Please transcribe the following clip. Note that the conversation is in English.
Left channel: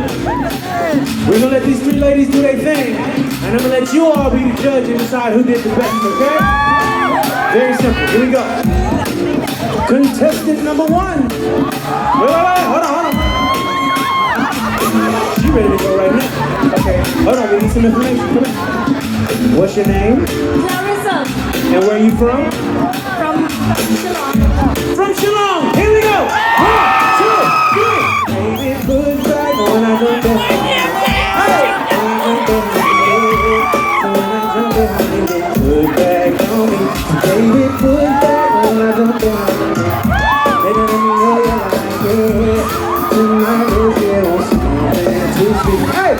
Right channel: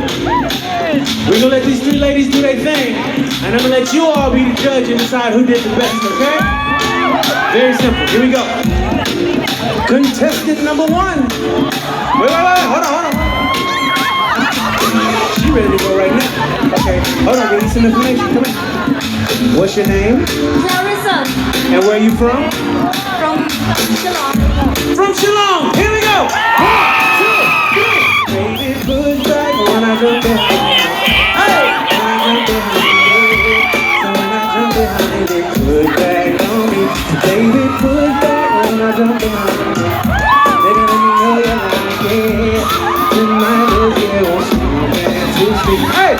We're gonna let these three ladies do their thing, and I'm gonna let you all be the judge and decide who did the best, okay? Very simple. Here we go. Contestant number one. Wait, hold on. She ready to go right now. Okay, hold on, we need some information. Come on. What's your name? Rynsan. And where are you from? From Shillong. From Shillong. Here we go. 1, 2, 3. Baby, push back when I jump in. Hey, when I jump in. Put back on me. Baby, put back when I jump in. Baby, let me know you like it. Tonight is your chance to speak. Hey!